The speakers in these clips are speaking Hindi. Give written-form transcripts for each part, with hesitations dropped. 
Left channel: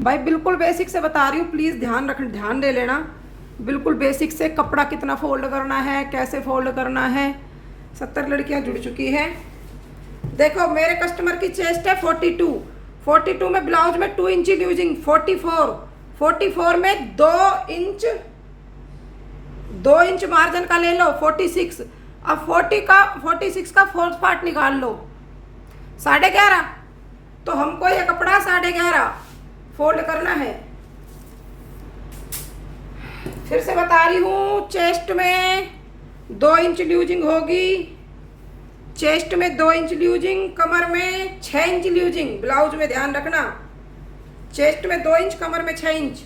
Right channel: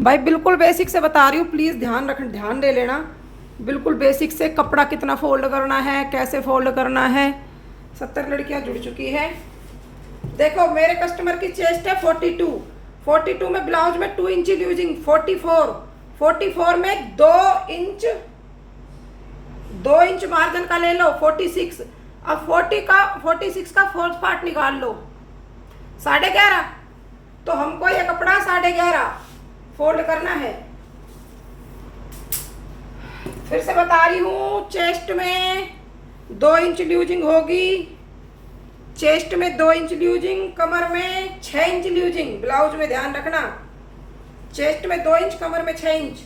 भाई बिल्कुल बेसिक से बता रही हूँ, प्लीज़ ध्यान दे लेना। बिल्कुल बेसिक से कपड़ा कितना फोल्ड करना है, कैसे फोल्ड करना है। 70 लड़कियां जुड़ चुकी हैं। देखो मेरे कस्टमर की चेस्ट है 42। 42 में ब्लाउज में 2 इंच यूजिंग 44। 44 में 2 इंच मार्जिन का ले लो 46। अब 46 का फोर्थ पार्ट निकाल लो 11.5। तो हमको ये कपड़ा 11.5 फोल्ड करना है। फिर से बता रही हूँ, चेस्ट में 2 इंच लूजिंग होगी। चेस्ट में 2 इंच लूजिंग, कमर में 6 इंच लूजिंग। ब्लाउज में ध्यान रखना, चेस्ट में 2 इंच, कमर में 6 इंच।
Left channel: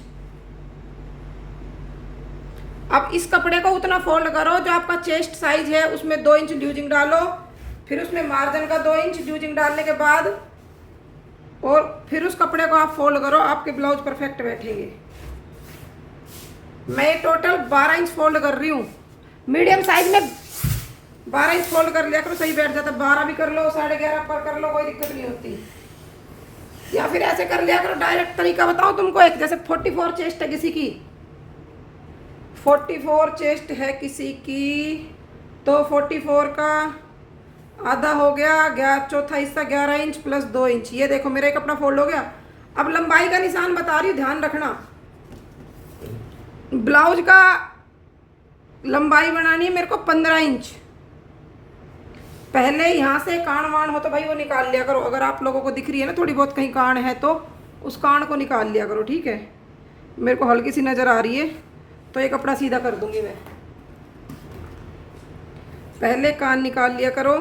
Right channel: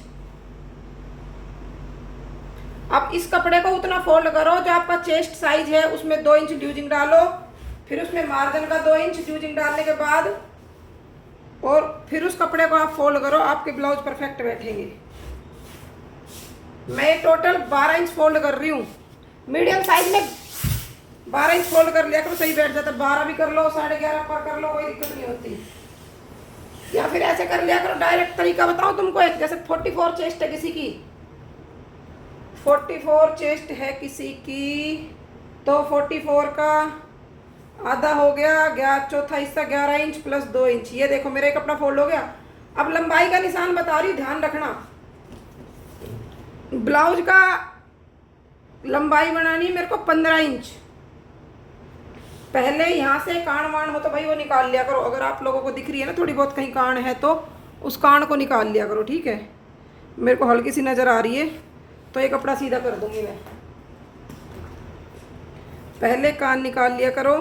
अब इस कपड़े को उतना फोल्ड करो जो आपका चेस्ट साइज है, उसमें 2 इंच लूजिंग डालो। फिर उसमें मार्जिन का 2 इंच लूजिंग डालने के बाद और फिर उस कपड़े को आप फोल्ड करो, आपके ब्लाउज परफेक्ट बैठेंगे। मैं टोटल 12 इंच फोल्ड कर रही हूँ। मीडियम साइज में 12 इंच फोल्ड कर लिया करो, सही बैठ जाता। 12 भी कर लो, 11.5 पर कर लो, कोई दिक्कत नहीं होती। या फिर ऐसे कर लिया करो, डायरेक्ट तरीका बताऊँ तुमको एक। जैसे 44 चेस्ट है किसी की, 44 चेस्ट है किसी की, तो 44 का आधा हो गया, चौथा हिस्सा 11 इंच प्लस 2 इंच। ये देखो मेरा कपड़ा फोल्ड हो गया। अब लंबाई का निशान बता रही हूँ, ध्यान रखना। ब्लाउज का लंबाई बनानी है मेरे को 15 इंच। पहले यहाँ से कान वाण हो तो भाई वो निकाल लिया करो। अगर आप लोगों को दिख रही है ना थोड़ी बहुत कहीं कान है तो उस कान को निकाल लिया करो, ठीक है। मेरे को हल्की सी नज़र आ रही है तो ये कपड़ा सीधा कर दूंगी मैं। पहले कान निकाल लिया करो,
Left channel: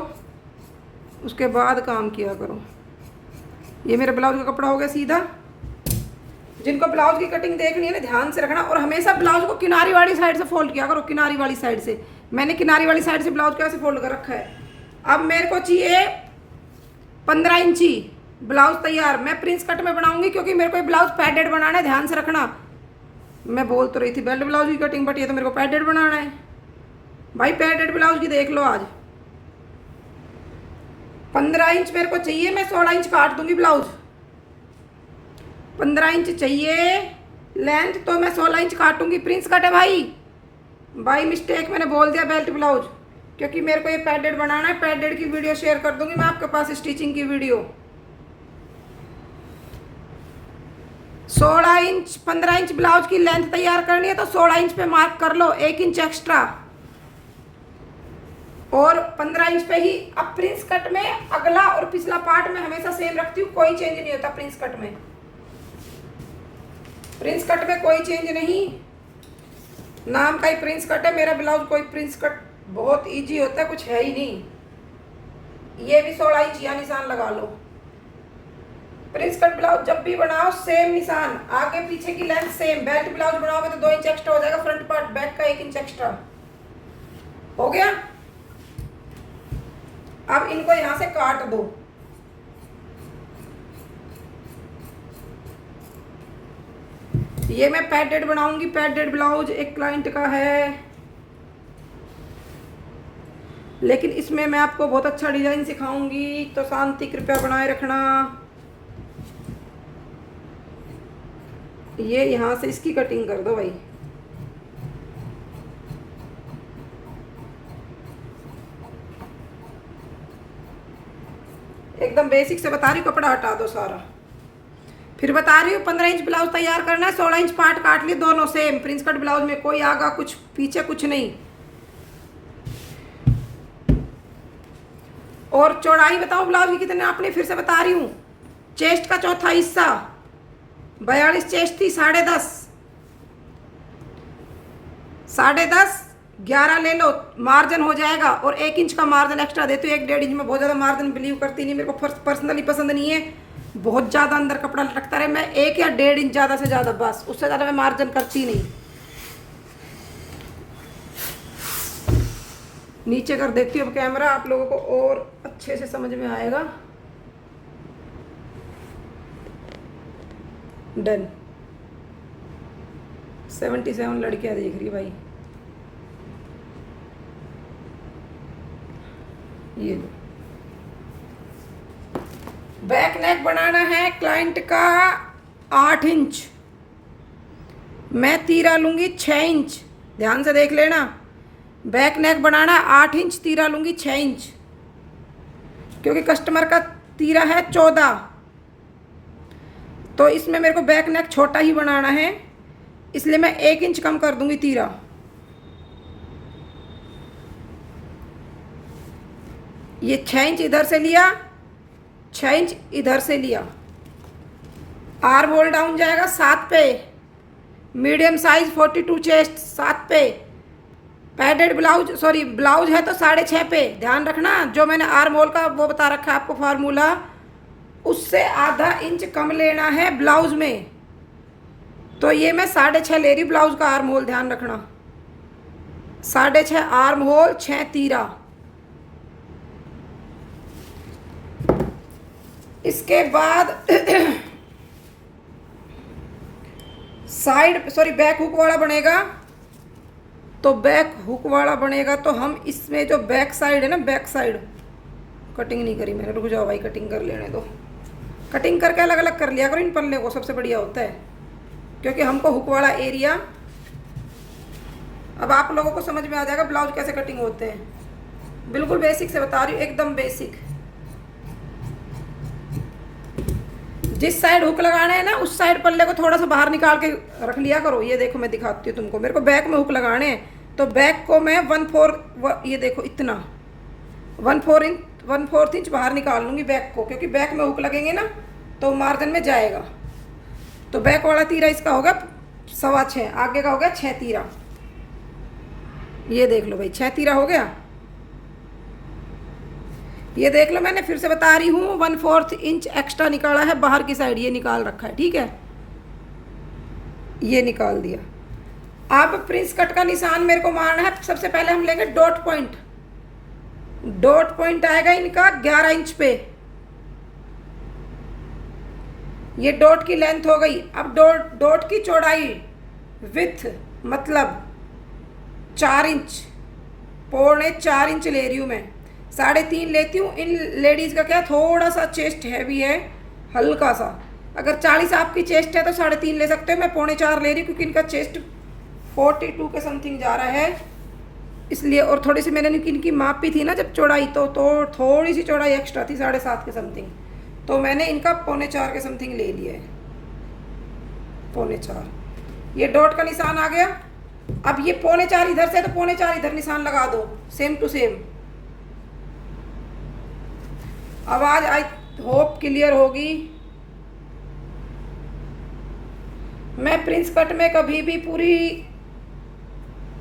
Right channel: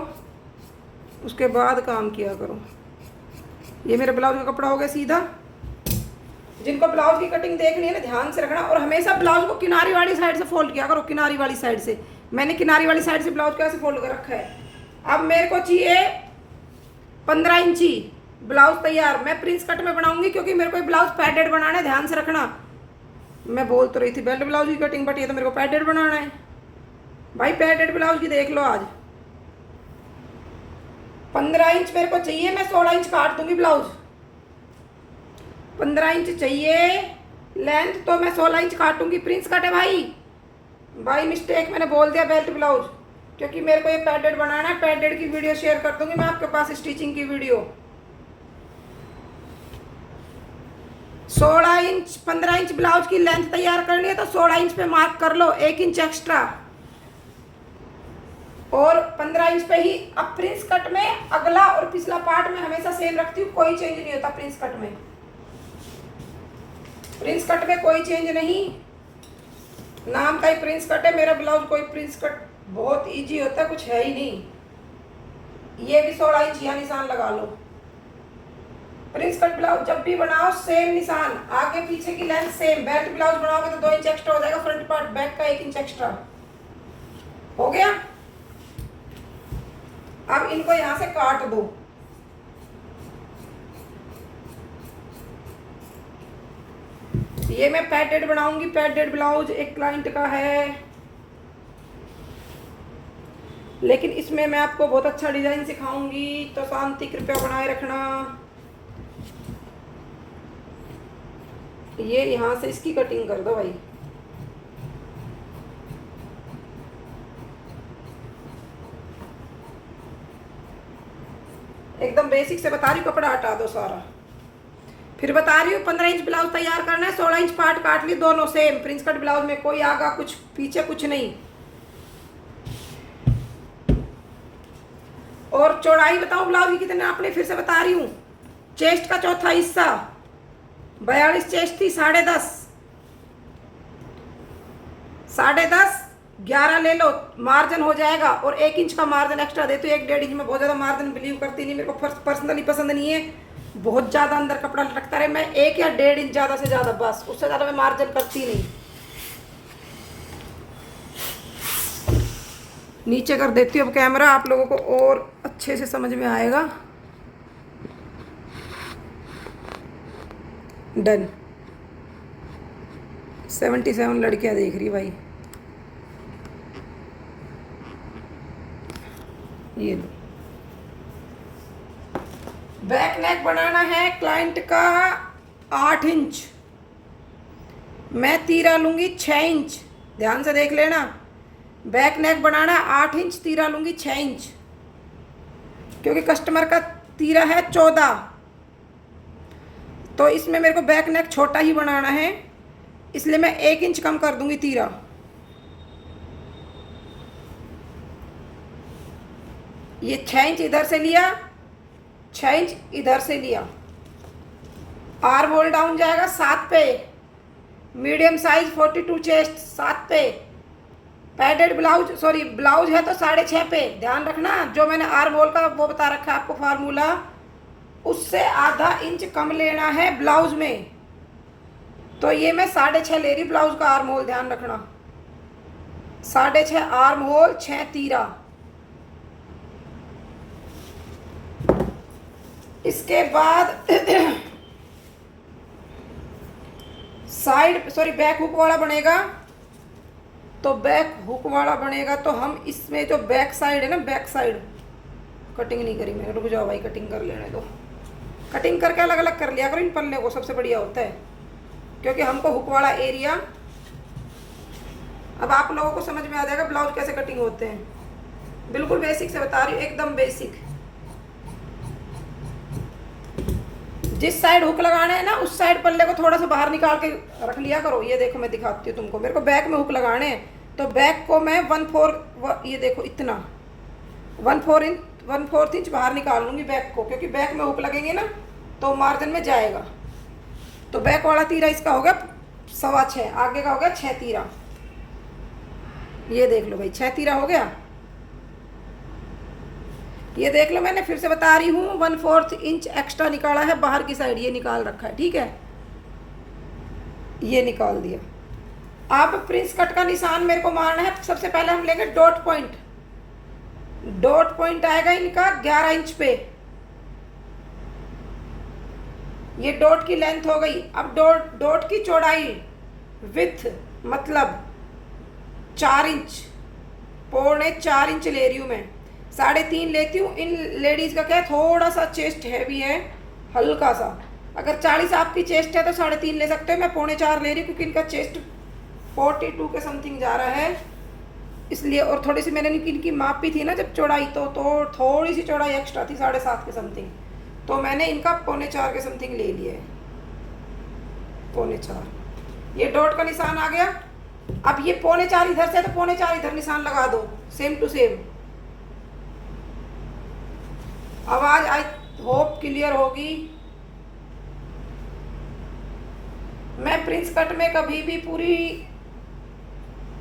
उसके बाद काम किया करो। ये मेरे ब्लाउज का कपड़ा हो गया सीधा। जिनको ब्लाउज की कटिंग देखनी है ना ध्यान से रखना, और हमेशा ब्लाउज को किनारी वाली साइड से फोल्ड किया करो। किनारी वाली साइड से, मैंने किनारी वाली साइड से ब्लाउज कैसे फोल्ड कर रखा है। अब मेरे को चाहिए 15 इंची ब्लाउज तैयार। मैं प्रिंस कट में बनाऊंगी क्योंकि मेरे को ब्लाउज पैडेड बनाना है, ध्यान से रखना। मैं बोल तो रही थी बेल्ट ब्लाउज की कटिंग, बट ये तो मेरे को पैडेड बनाना है भाई। पैडेड ब्लाउज की देख लो आज 15 इंच मेरे को चाहिए। मैं 16 इंच काट दूंगी ब्लाउज। 15 इंच चाहिए लेंथ, तो मैं 16 इंच काटूंगी। प्रिंस कट है भाई मिस्टेक मैंने बोल दिया बेल्ट ब्लाउज, क्योंकि मेरे को ये पैडेड बनाना है। पैडेड की वीडियो शेयर कर दूंगी मैं आपके पास, स्टिचिंग की वीडियो। 16 इंच 15 इंच ब्लाउज की लेंथ तैयार करनी है तो 16 इंच पे मार्क कर लो, 1 इंच एक्स्ट्रा। और 15 इंच पे ही। अब प्रिंस कट में अगला और पिछला पार्ट में हमेशा सेम रखती हूँ, कोई चेंज नहीं होता प्रिंस कट में। प्रिंस कट में कोई चेंज नहीं, नाम का ही प्रिंस कट है मेरा ब्लाउज। कोई प्रिंस कट बहुत इजी होता है, कुछ है ही नहीं। ये भी 16 इंच या निशान लगा लो। प्रिंस कट ब्लाउज जब भी बनाओ सेम निशान, आगे पीछे की लेंथ सेम। बेल्ट ब्लाउज बनाओगे तो 2 इंच एक्स्ट्रा हो जाएगा, फ्रंट पार्ट बैक का 1 इंच एक्स्ट्रा हो गया। अब इनको यहां से काट दो। ये मैं पैडेड बनाऊंगी। पैडेड ब्लाउज एक क्लाइंट का है, लेकिन इसमें मैं आपको बहुत अच्छा डिजाइन सिखाऊंगी, तो शांति कृपया बनाए रखना। ये यहां से इसकी कटिंग कर दो भाई। एकदम बेसिक से बता रही हूँ, कपड़ा हटा दो सारा। फिर बता रही हूँ 15 इंच ब्लाउज तैयार करना है, 16 इंच पार्ट काट ली, दोनों सेम। प्रिंस कट ब्लाउज में कोई आगा कुछ पीछे कुछ नहीं। और चौड़ाई बताओ ब्लाउज की कितने आपने, फिर से बता रही हूँ। चेस्ट का चौथा हिस्सा 42 चेस्ट थी, 10.5 10.5 11 ले लो, मार्जिन हो जाएगा। और 1 इंच का मार्जिन एक्स्ट्रा देती हूँ। 1-1.5 इंच में बहुत ज़्यादा मार्जिन बिलीव करती नहीं, मेरे को पर्सनली पसंद नहीं है बहुत ज़्यादा अंदर कपड़ा लटकता रहे। मैं 1 या 1.5 इंच ज़्यादा से ज़्यादा, बस उससे ज़्यादा मैं मार्जिन करती नहीं। नीचे कर देती हूँ अब कैमरा, आप लोगों को और अच्छे से समझ में आएगा। डन। 77 लड़कियां देख रही भाई। ये लो, बैक नेक बनाना है क्लाइंट का 8 इंच, मैं तीरा लूँगी 6 इंच, ध्यान से देख लेना। बैक नेक बनाना है 8 इंच, तीरा लूँगी 6 इंच, क्योंकि कस्टमर का तीरा है 14, तो इसमें मेरे को बैक नेक छोटा ही बनाना है, इसलिए मैं 1 इंच कम कर दूँगी तीरा। ये 6 इंच इधर से लिया, 6 इंच इधर से लिया। आर्म होल डाउन जाएगा 7 पे, मीडियम साइज 42 चेस्ट 7 पे, पैडेड ब्लाउज सॉरी ब्लाउज है तो 6.5 पे। ध्यान रखना, जो मैंने आर्म होल का वो बता रखा है आपको फार्मूला, उससे आधा इंच कम लेना है ब्लाउज में। तो ये मैं 6.5 ले रही ब्लाउज का आर्म होल, ध्यान रखना। 6.5 आर्म होल, 6 तीरा। इसके बाद साइड सॉरी बैक हुक वाला बनेगा, तो बैक हुक वाला बनेगा तो हम इसमें जो बैक साइड है ना, बैक साइड कटिंग नहीं करी मैंने, रुक जाओ भाई कटिंग कर लेने दो। कटिंग करके अलग अलग कर लिया करो इन पल्ले को, सबसे बढ़िया होता है, क्योंकि हमको हुक वाला एरिया, अब आप लोगों को समझ में आ जाएगा ब्लाउज कैसे कटिंग होते हैं। बिल्कुल बेसिक से बता रही हूँ, एकदम बेसिक। जिस साइड हुक लगाने हैं ना, उस साइड पल्ले को थोड़ा सा बाहर निकाल के रख लिया करो। ये देखो मैं दिखाती हूँ तुमको, मेरे को बैक में हुक लगाने हैं, तो बैक को मैं 1/4 ये देखो इतना 1/4 इंच बाहर निकाल लूँगी बैक को, क्योंकि बैक में हुक लगेंगे ना तो मार्जिन में जाएगा। तो बैक वाला तीरा इसका होगा 6.25, आगे का होगा 6 तीरा। ये देख लो भाई 6 तीरा हो गया। ये देख लो, मैंने फिर से बता रही हूँ 1/4 इंच एक्स्ट्रा निकाला है बाहर की साइड, ये निकाल रखा है, ठीक है, ये निकाल दिया। अब प्रिंस कट का निशान मेरे को मारना है। सबसे पहले हम लेंगे डॉट पॉइंट। डॉट पॉइंट आएगा इनका 11 इंच पे, ये डॉट की लेंथ हो गई। अब डॉट की चौड़ाई विथ मतलब 4 इंच, 4.25 इंच ले रही हूँ मैं, 3.5 लेती हूँ। इन लेडीज़ का क्या है, थोड़ा सा चेस्ट हैवी है, हल्का सा। अगर 40 आपकी चेस्ट है तो 3.5 ले सकते हो, मैं 4.25 ले रही हूँ, क्योंकि इनका चेस्ट 42 के समथिंग जा रहा है इसलिए। और थोड़ी सी मैंने इनकी मापी थी ना जब चौड़ाई, तो थोड़ी सी चौड़ाई एक्स्ट्रा थी, 7.5 के समथिंग, तो मैंने इनका 4.25 के समथिंग ले लिया है, 4.25। ये डॉट का निशान आ गया। अब ये 4.25 इधर से, तो 4.25 इधर निशान लगा दो, सेम टू सेम। आवाज आई होप क्लियर होगी। मैं प्रिंस कट में कभी भी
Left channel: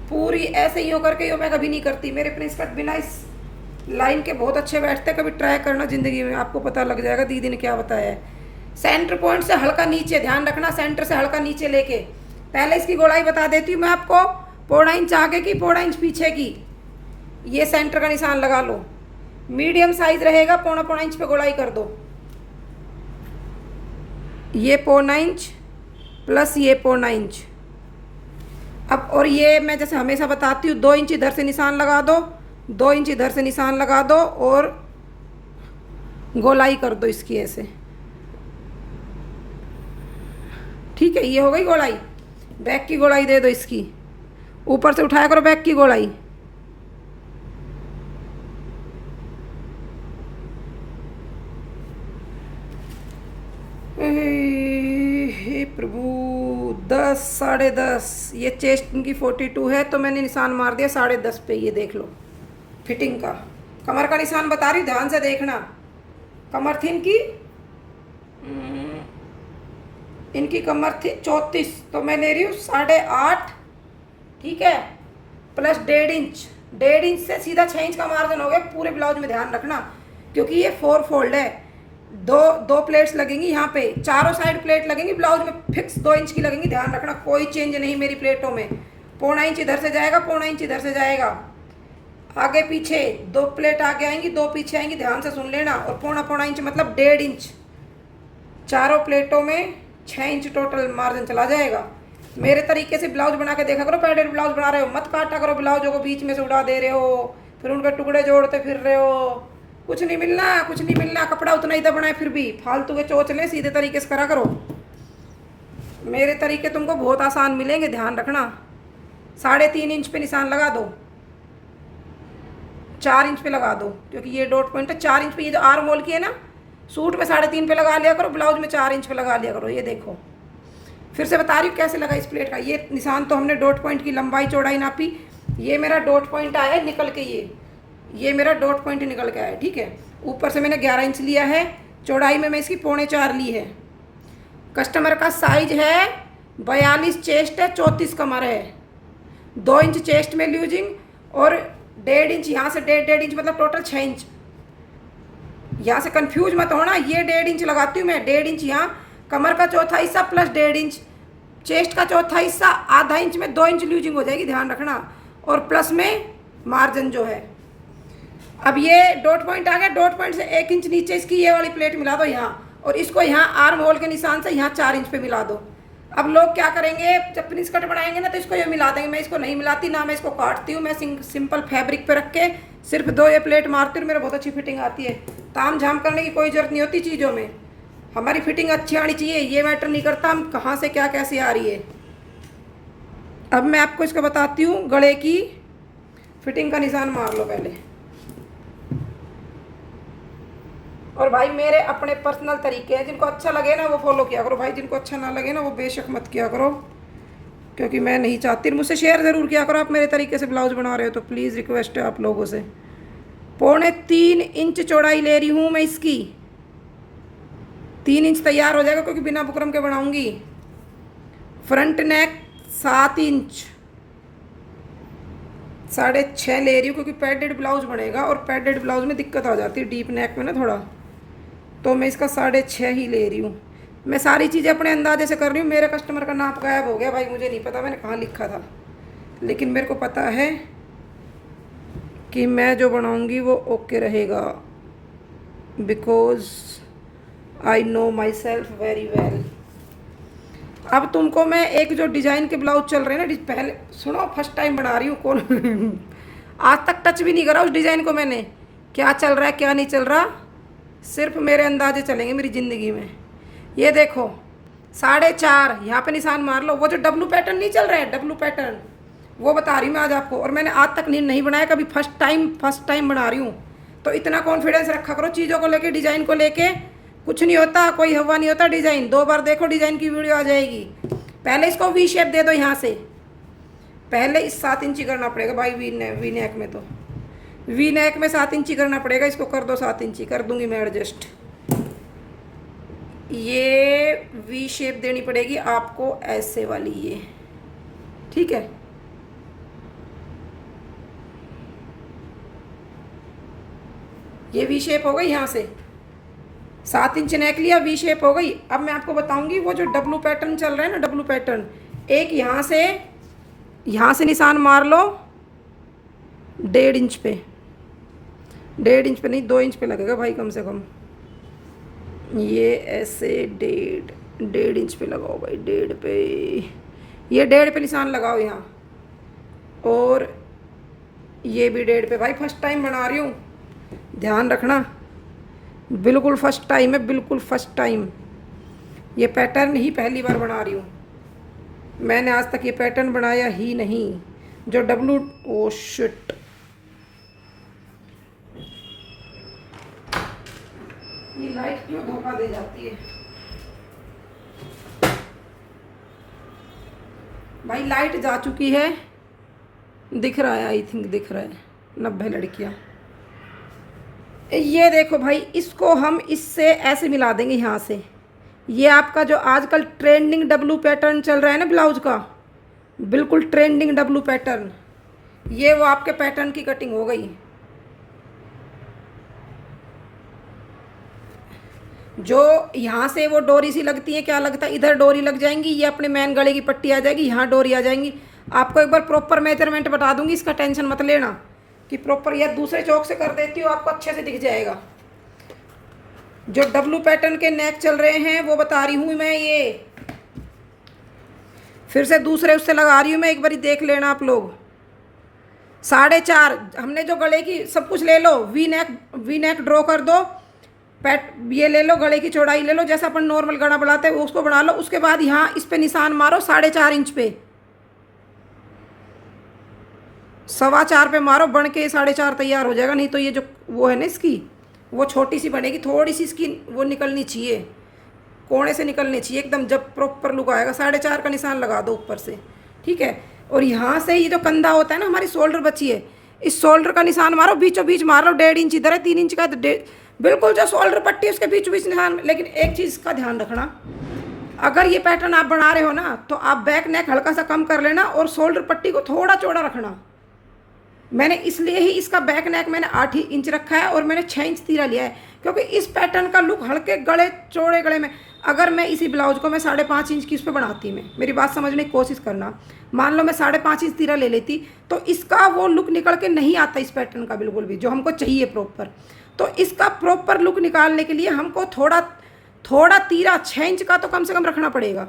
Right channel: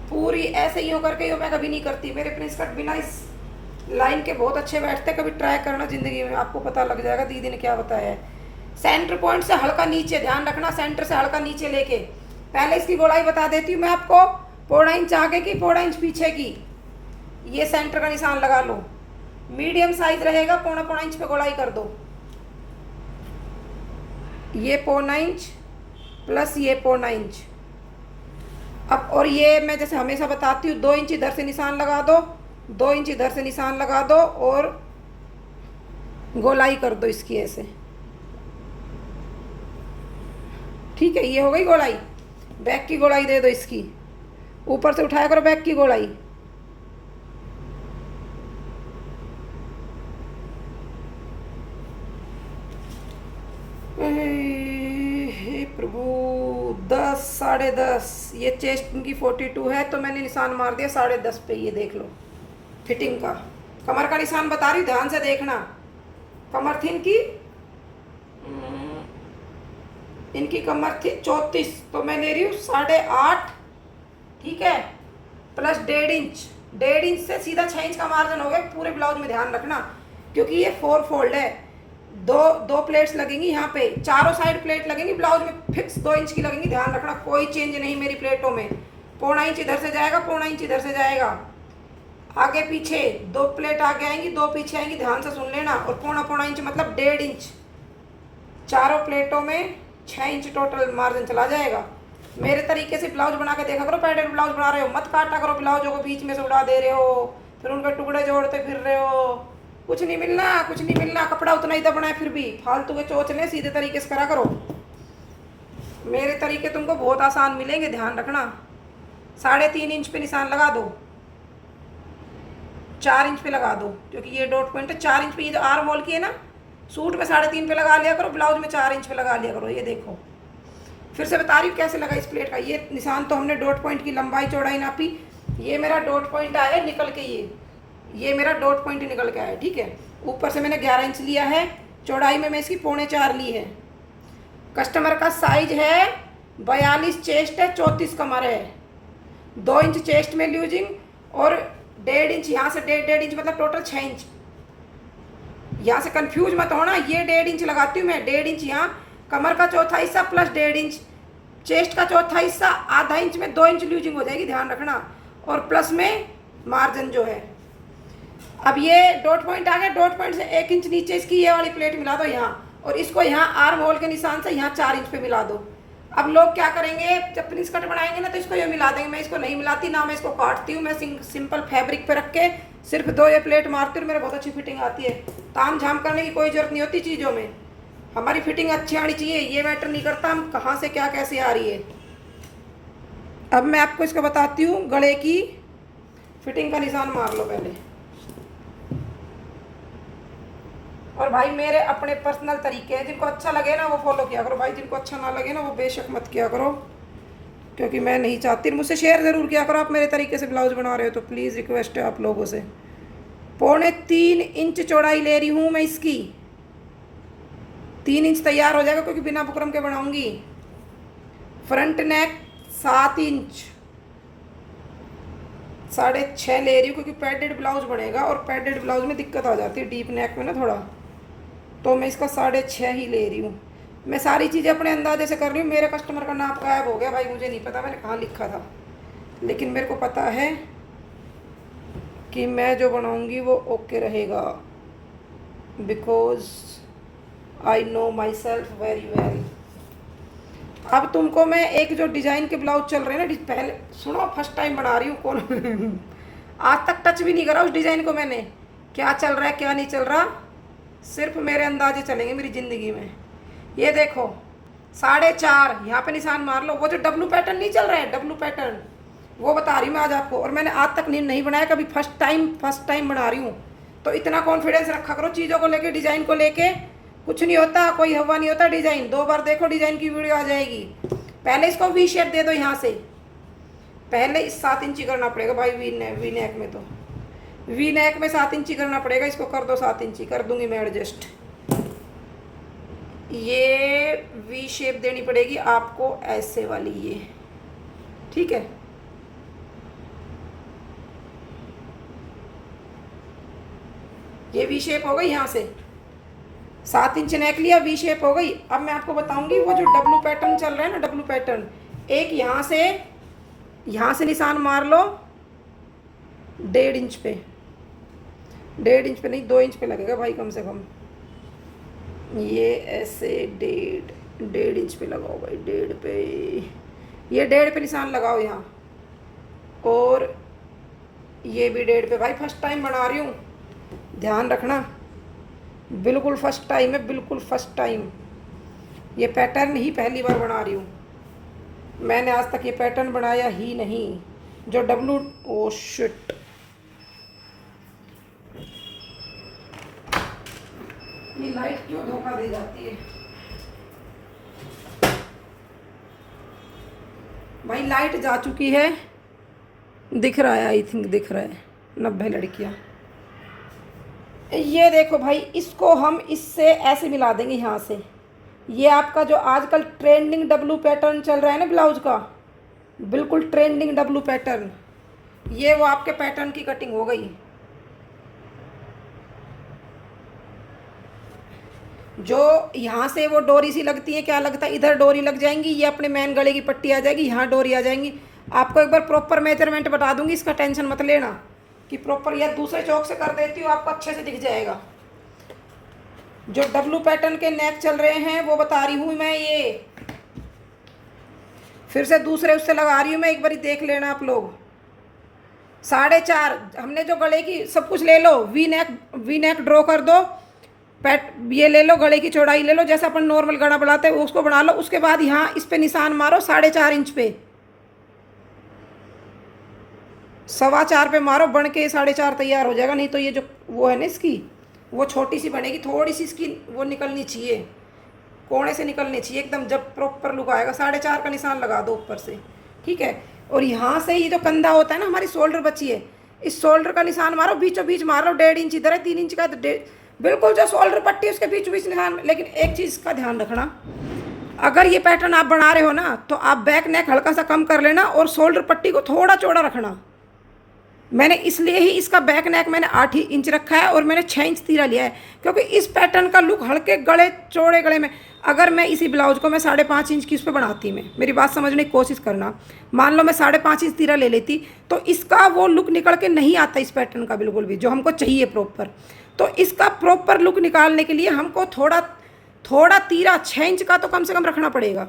पूरी ऐसे ही होकर के मैं कभी नहीं करती। मेरे प्रिंस कट बिना इस लाइन के बहुत अच्छे बैठते। कभी ट्राई करना जिंदगी में, आपको पता लग जाएगा दीदी ने क्या बताया है। सेंटर पॉइंट से हल्का नीचे, ध्यान रखना, सेंटर से हल्का नीचे लेके। पहले इसकी गोलाई बता देती हूँ मैं आपको, 1.25 इंच आगे की, 1.25 इंच पीछे की। ये सेंटर का निशान लगा लो। मीडियम साइज रहेगा, 1.25 इंच पे गोलाई कर दो। ये 1.25 इंच प्लस ये 1.25 इंच। अब और ये मैं जैसे हमेशा बताती हूँ, 2 इंच इधर से निशान लगा दो, 2 इंच इधर से निशान लगा दो और गोलाई कर दो इसकी ऐसे, ठीक है। ये हो गई गोलाई। बैक की गोलाई दे दो इसकी, ऊपर से उठाया करो बैक की गोलाई। हे प्रभु, 10, 10.5। ये चेस्ट इनकी 42 है, तो मैंने निशान मार दिया 10.5 पे। ये देख लो फिटिंग का। कमर का निशान बता रही हूँ, ध्यान से देखना। कमर थी इनकी कमर थी 34, तो मैं ले रही हूँ 8.5, ठीक है, प्लस 1.5 इंच। 1.5 इंच से सीधा 6 इंच का मार्जिन हो गया पूरे ब्लाउज में, ध्यान रखना, क्योंकि ये 4 फोल्ड है। दो प्लेट्स लगेंगी यहाँ पे, चारों साइड प्लेट लगेंगी ब्लाउज में, फिक्स 2 इंच की लगेंगी, ध्यान रखना, कोई चेंज नहीं मेरी प्लेटों में। 1.25 इंच इधर से जाएगा, 1.25 इंच इधर से जाएगा, आगे पीछे 2 प्लेट आगे आएंगी, 2 पीछे आएंगी, ध्यान से सुन लेना। और 1.25 इंच मतलब 1.5 इंच, चारों प्लेटों में 6 इंच टोटल मार्जिन चला जाएगा। मेरे तरीके से ब्लाउज बना के देखा करो। पैडेड ब्लाउज बना रहे हो, मत काटा करो ब्लाउजों को, बीच में से उड़ा दे रहे हो, फिर उनके टुकड़े जोड़ते फिर रहे हो, कुछ नहीं मिलना, कुछ नहीं मिलना। कपड़ा उतना ही दबना है, फिर भी फालतू के चोचले, सीधे तरीके से करा करो। मेरे तरीके तुमको बहुत आसान मिलेंगे, ध्यान रखना। 3.5 इंच पे निशान लगा दो, 4 इंच पे लगा दो, क्योंकि ये डॉट पॉइंट है। 4 इंच पे, ये जो आर्म होल की है ना, सूट में 3.5 पे लगा लिया करो, ब्लाउज में 4 इंच पे लगा लिया करो। ये देखो, फिर से बता रही हूँ कैसे लगा इस प्लेट का। ये निशान तो हमने डॉट पॉइंट की लंबाई चौड़ाई नापी, ये मेरा डॉट पॉइंट आया है निकल के, ये मेरा डॉट पॉइंट निकल के आया, ठीक है। ऊपर से मैंने 11 इंच लिया है, चौड़ाई में मैं इसकी 3.25 ली है। कस्टमर का साइज है 42 चेस्ट है, 34 कमर है, 2 इंच चेस्ट में लूजिंग और 1.5 इंच यहाँ से, 1.5 इंच मतलब टोटल 6 इंच। यहाँ से कंफ्यूज मत होना, ये 1.5 इंच लगाती हूँ मैं, 1.5 इंच यहाँ कमर का चौथा हिस्सा प्लस 1.5 इंच चेस्ट का चौथा हिस्सा, आधा इंच में 2 इंच लूजिंग हो जाएगी, ध्यान रखना। और प्लस में मार्जिन जो है। अब ये डॉट पॉइंट आ गया, डॉट पॉइंट से 1 इंच नीचे इसकी ये वाली प्लेट मिला दो यहाँ, और इसको यहाँ आर्म होल के निशान से यहाँ 4 इंच पे मिला दो। अब लोग क्या करेंगे, जब प्रिंस कट बनाएंगे ना तो इसको ये मिला देंगे। मैं इसको नहीं मिलाती, ना मैं इसको काटती हूँ, मैं सिंपल फैब्रिक पे रख के सिर्फ 2 ये प्लेट मारती हूँ, मेरा बहुत अच्छी फिटिंग आती है। ताम झाम करने की कोई जरूरत नहीं होती चीज़ों में, हमारी फिटिंग अच्छी आनी चाहिए, ये मैटर नहीं करता हम कहाँ से क्या कैसे आ रही है। अब मैं आपको इसको बताती हूँ, गले की फिटिंग का निशान मार लो पहले। और भाई मेरे अपने पर्सनल तरीके हैं, जिनको अच्छा लगे ना वो फॉलो किया करो भाई, जिनको अच्छा ना लगे ना वो बेशक मत किया करो, क्योंकि मैं नहीं चाहती। मुझसे शेयर ज़रूर किया करो, आप मेरे तरीके से ब्लाउज बना रहे हो तो प्लीज़ रिक्वेस्ट है आप लोगों से। 3.25 इंच चौड़ाई ले रही हूँ मैं इसकी, 3 इंच तैयार हो जाएगा क्योंकि बिना बुकरम के बनाऊंगी। फ्रंट नेक 7 इंच, 6.5 ले रही हूँ क्योंकि पैडेड ब्लाउज बनेगा, और पैडेड ब्लाउज में दिक्कत आ जाती है डीप नेक में ना थोड़ा, तो मैं इसका 6.5 ही ले रही हूँ। मैं सारी चीज़ें अपने अंदाजे से कर रही हूँ। मेरे कस्टमर का नाप गायब हो गया भाई, मुझे नहीं पता मैंने कहाँ लिखा था, लेकिन मेरे को पता है कि मैं जो बनाऊँगी वो ओके रहेगा, because I know my self very well. अब तुमको मैं एक जो डिज़ाइन के ब्लाउज चल रहे हैं ना, पहले सुनो, फर्स्ट टाइम बना रही हूँ, कौन आज तक टच भी नहीं करा उस डिज़ाइन को मैंने, क्या चल रहा है क्या नहीं चल रहा, सिर्फ मेरे अंदाजे चलेंगे मेरी ज़िंदगी में। ये देखो 4.5 यहाँ पे निशान मार लो। वो जो डब्लू पैटर्न नहीं चल रहा है, डब्लू पैटर्न वो बता रही हूँ मैं आज आपको, और मैंने आज तक नहीं बनाया कभी, फर्स्ट टाइम बना रही हूँ। तो इतना कॉन्फिडेंस रखा करो चीज़ों को लेके, डिज़ाइन को लेके कुछ नहीं होता, कोई हवा नहीं होता। डिज़ाइन 2 बार देखो, डिज़ाइन की वीडियो आ जाएगी। पहले इसको वी शेप दे दो, यहाँ से पहले इस 7 इंची करना पड़ेगा भाई, वी नेक में, तो वी नेक में 7 इंची करना पड़ेगा। इसको कर दो 7 इंची, कर दूंगी मैं एडजस्ट। ये वी शेप देनी पड़ेगी आपको, ऐसे वाली, ये ठीक है। ये वी शेप हो गई, यहाँ से 7 इंच नेक लिया, वी शेप हो गई। अब मैं आपको बताऊंगी वो जो डब्लू पैटर्न चल रहा है ना, डब्लू पैटर्न, एक यहाँ से निशान मार लो 1.5 इंच पे, 1.5 इंच पे नहीं 2 इंच पे लगेगा भाई कम से कम। ये ऐसे 1.5 इंच पे लगाओ भाई, 1.5 पे, ये 1.5 पे निशान लगाओ यहाँ, और ये भी 1.5 पे। भाई फर्स्ट टाइम बना रही हूँ, ध्यान रखना, बिल्कुल फर्स्ट टाइम है, बिल्कुल फर्स्ट टाइम। ये पैटर्न ही पहली बार बना रही हूँ, मैंने आज तक ये पैटर्न बनाया ही नहीं जो डब्लू, ओ शिट, ये लाइट क्यों धोखा दे जाती है भाई। लाइट जा चुकी है, दिख रहा है, आई थिंक दिख रहा है, 90 लड़कियां। ये देखो भाई, इसको हम इससे ऐसे मिला देंगे यहाँ से। ये आपका जो आजकल ट्रेंडिंग डब्लू पैटर्न चल रहा है ना ब्लाउज का, बिल्कुल ट्रेंडिंग डब्लू पैटर्न, ये वो आपके पैटर्न की कटिंग हो गई। जो यहाँ से वो डोरी सी लगती है, क्या लगता है, इधर डोरी लग जाएंगी, ये अपने मेन गले की पट्टी आ जाएगी, यहाँ डोरी आ जाएंगी। आपको एक बार प्रॉपर मेजरमेंट बता दूंगी, इसका टेंशन मत लेना कि प्रॉपर, या दूसरे चौक से कर देती हूँ, आपको अच्छे से दिख जाएगा। जो डब्लू पैटर्न के नेक चल रहे हैं वो बता रही हूँ मैं, ये फिर से दूसरे उससे लगा रही हूँ मैं, एक बारी देख लेना आप लोग। 4.5 हमने जो गले की सब कुछ ले लो, वी नेक ड्रॉ कर दो, ये ले लो, गले की चौड़ाई ले लो, जैसा अपन नॉर्मल गला बनाते हैं उसको बना लो। उसके बाद यहाँ इस पे निशान मारो 4.5 इंच पे, 4.25 पे मारो, बन के 4.5 तैयार हो जाएगा। नहीं तो ये जो वो है ना इसकी, वो छोटी सी बनेगी, थोड़ी सी इसकी वो निकलनी चाहिए, कोने से निकलनी चाहिए एकदम। जब प्रॉपर लुक आएगा 4.5 का निशान लगा दो ऊपर से, ठीक है। और यहाँ से ये जो कंधा होता है ना, हमारी शोल्डर बची है, इस शोल्डर का निशान मारो, बीचों बीच मार लो। 1.5 इंच इधर है, 3 इंच का, तो बिल्कुल जो शोल्डर पट्टी है उसके बीचों बीच निशान। लेकिन एक चीज़ का ध्यान रखना, अगर ये पैटर्न आप बना रहे हो ना, तो आप बैक नेक हल्का सा कम कर लेना और शोल्डर पट्टी को थोड़ा चौड़ा रखना। मैंने इसलिए ही इसका बैक नेक मैंने 8 ही इंच रखा है और मैंने 6 इंच तीरा लिया है, क्योंकि इस पैटर्न का लुक हल्के गले, चौड़े गले में, अगर मैं इसी ब्लाउज को मैं 5.5 इंच की उस पर बनाती, मैं मेरी बात समझने की कोशिश करना, मान लो मैं 5.5 इंच तीरा ले लेती, तो इसका वो लुक निकल के नहीं आता इस पैटर्न का बिल्कुल भी, जो हमको चाहिए प्रॉपर। तो इसका प्रॉपर लुक निकालने के लिए हमको थोड़ा तीरा 6 इंच का तो कम से कम रखना पड़ेगा।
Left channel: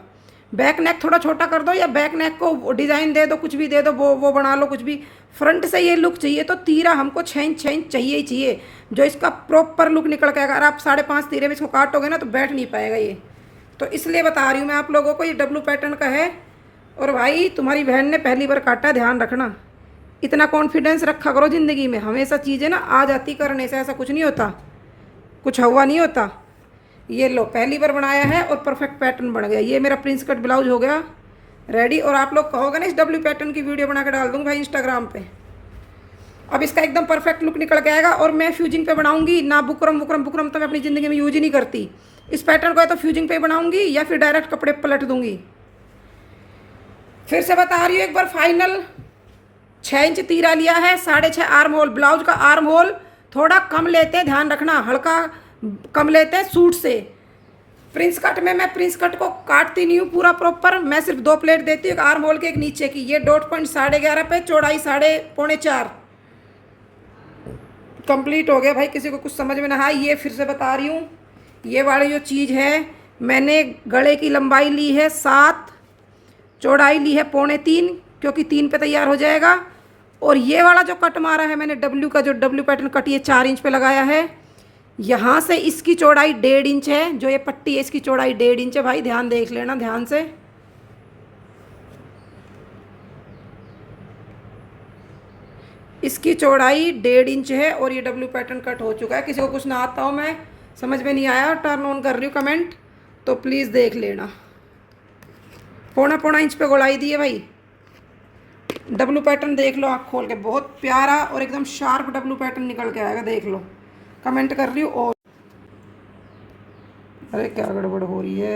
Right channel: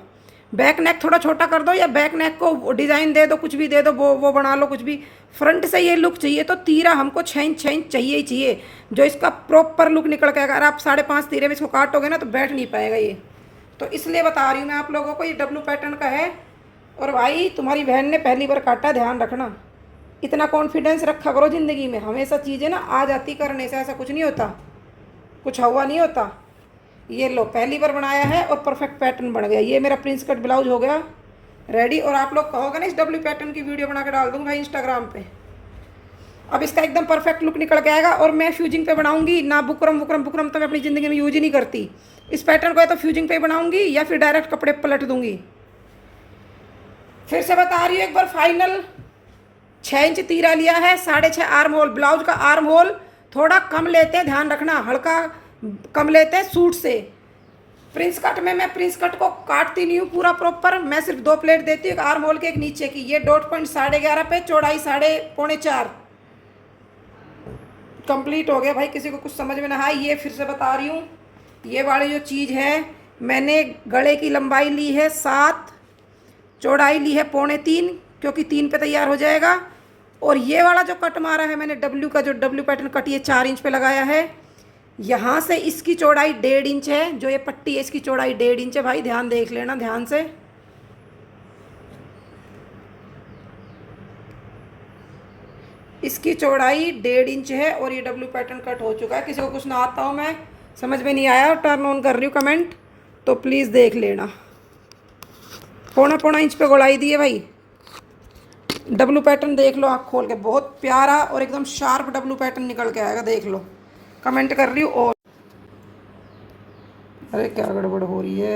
बैक नेक थोड़ा छोटा कर दो, या बैक नेक को डिज़ाइन दे दो, कुछ भी दे दो, वो बना लो कुछ भी। फ्रंट से ये लुक चाहिए तो तीरा हमको 6 इंच चाहिए ही चाहिए, जो इसका प्रॉपर लुक निकल के। अगर आप 5.5 तीरे में इसको काटोगे ना तो बैठ नहीं पाएगा ये। तो इसलिए बता रही हूँ मैं आप लोगों को, ये डब्लू पैटर्न का है। और भाई तुम्हारी बहन ने पहली बार काटा है, ध्यान रखना, इतना कॉन्फिडेंस रखा करो ज़िंदगी में। हमेशा चीज़ें ना आ जाती करने से, ऐसा कुछ नहीं होता, कुछ हुआ नहीं होता। ये लो, पहली बार बनाया है और परफेक्ट पैटर्न बन गया। ये मेरा प्रिंस कट ब्लाउज हो गया रेडी। और आप लोग कहोगे ना इस डब्ल्यू पैटर्न की वीडियो बना के डाल दूँगी भाई इंस्टाग्राम पे। अब इसका एकदम परफेक्ट लुक निकल के आएगा। और मैं फ्यूजिंग पे बनाऊंगी ना, बुकरम तो मैं अपनी ज़िंदगी में यूज ही नहीं करती। इस पैटर्न को या तो फ्यूजिंग पे बनाऊंगी या फिर डायरेक्ट कपड़े पलट दूंगी। फिर से बता रही हूँ एक बार फाइनल, 6 इंच तीरा लिया है, 6.5 आर्म होल। ब्लाउज का आर्म होल थोड़ा कम लेते हैं, ध्यान रखना, हल्का कम लेते हैं सूट से। प्रिंस कट में मैं प्रिंस कट को काटती नहीं हूँ पूरा प्रॉपर, मैं सिर्फ 2 प्लेट देती हूँ, एक आर्म होल के एक नीचे की। ये डॉट पॉइंट 11.5 पे, चौड़ाई 3.25 कंप्लीट हो गया। भाई किसी को कुछ समझ में ना आए, ये फिर से बता रही हूँ, ये वाली जो चीज़ है, मैंने गले की लंबाई ली है 7, चौड़ाई ली है 3.25, क्योंकि 3 पे तैयार हो जाएगा। और ये वाला जो कट मारा है मैंने डब्ल्यू का, जो डब्ल्यू पैटर्न कट, ये 4 इंच पे लगाया है। यहाँ से इसकी चौड़ाई 1.5 इंच है, जो ये पट्टी है इसकी चौड़ाई 1.5 इंच है। भाई ध्यान देख लेना ध्यान से, इसकी चौड़ाई 1.5 इंच है और ये डब्ल्यू पैटर्न कट हो चुका है। किसी को कुछ ना आता हो, मैं समझ में नहीं आया, टर्न ऑन कर रही हूँ कमेंट, तो प्लीज़ देख लेना। 0.25 इंच पे गोलाई दी है भाई। डब्लू पैटर्न देख लो आँख खोल के, बहुत प्यारा और एकदम शार्प डब्लू पैटर्न निकल के आएगा, देख लो। कमेंट कर रही हूँ। और अरे क्या गड़बड़ हो रही है।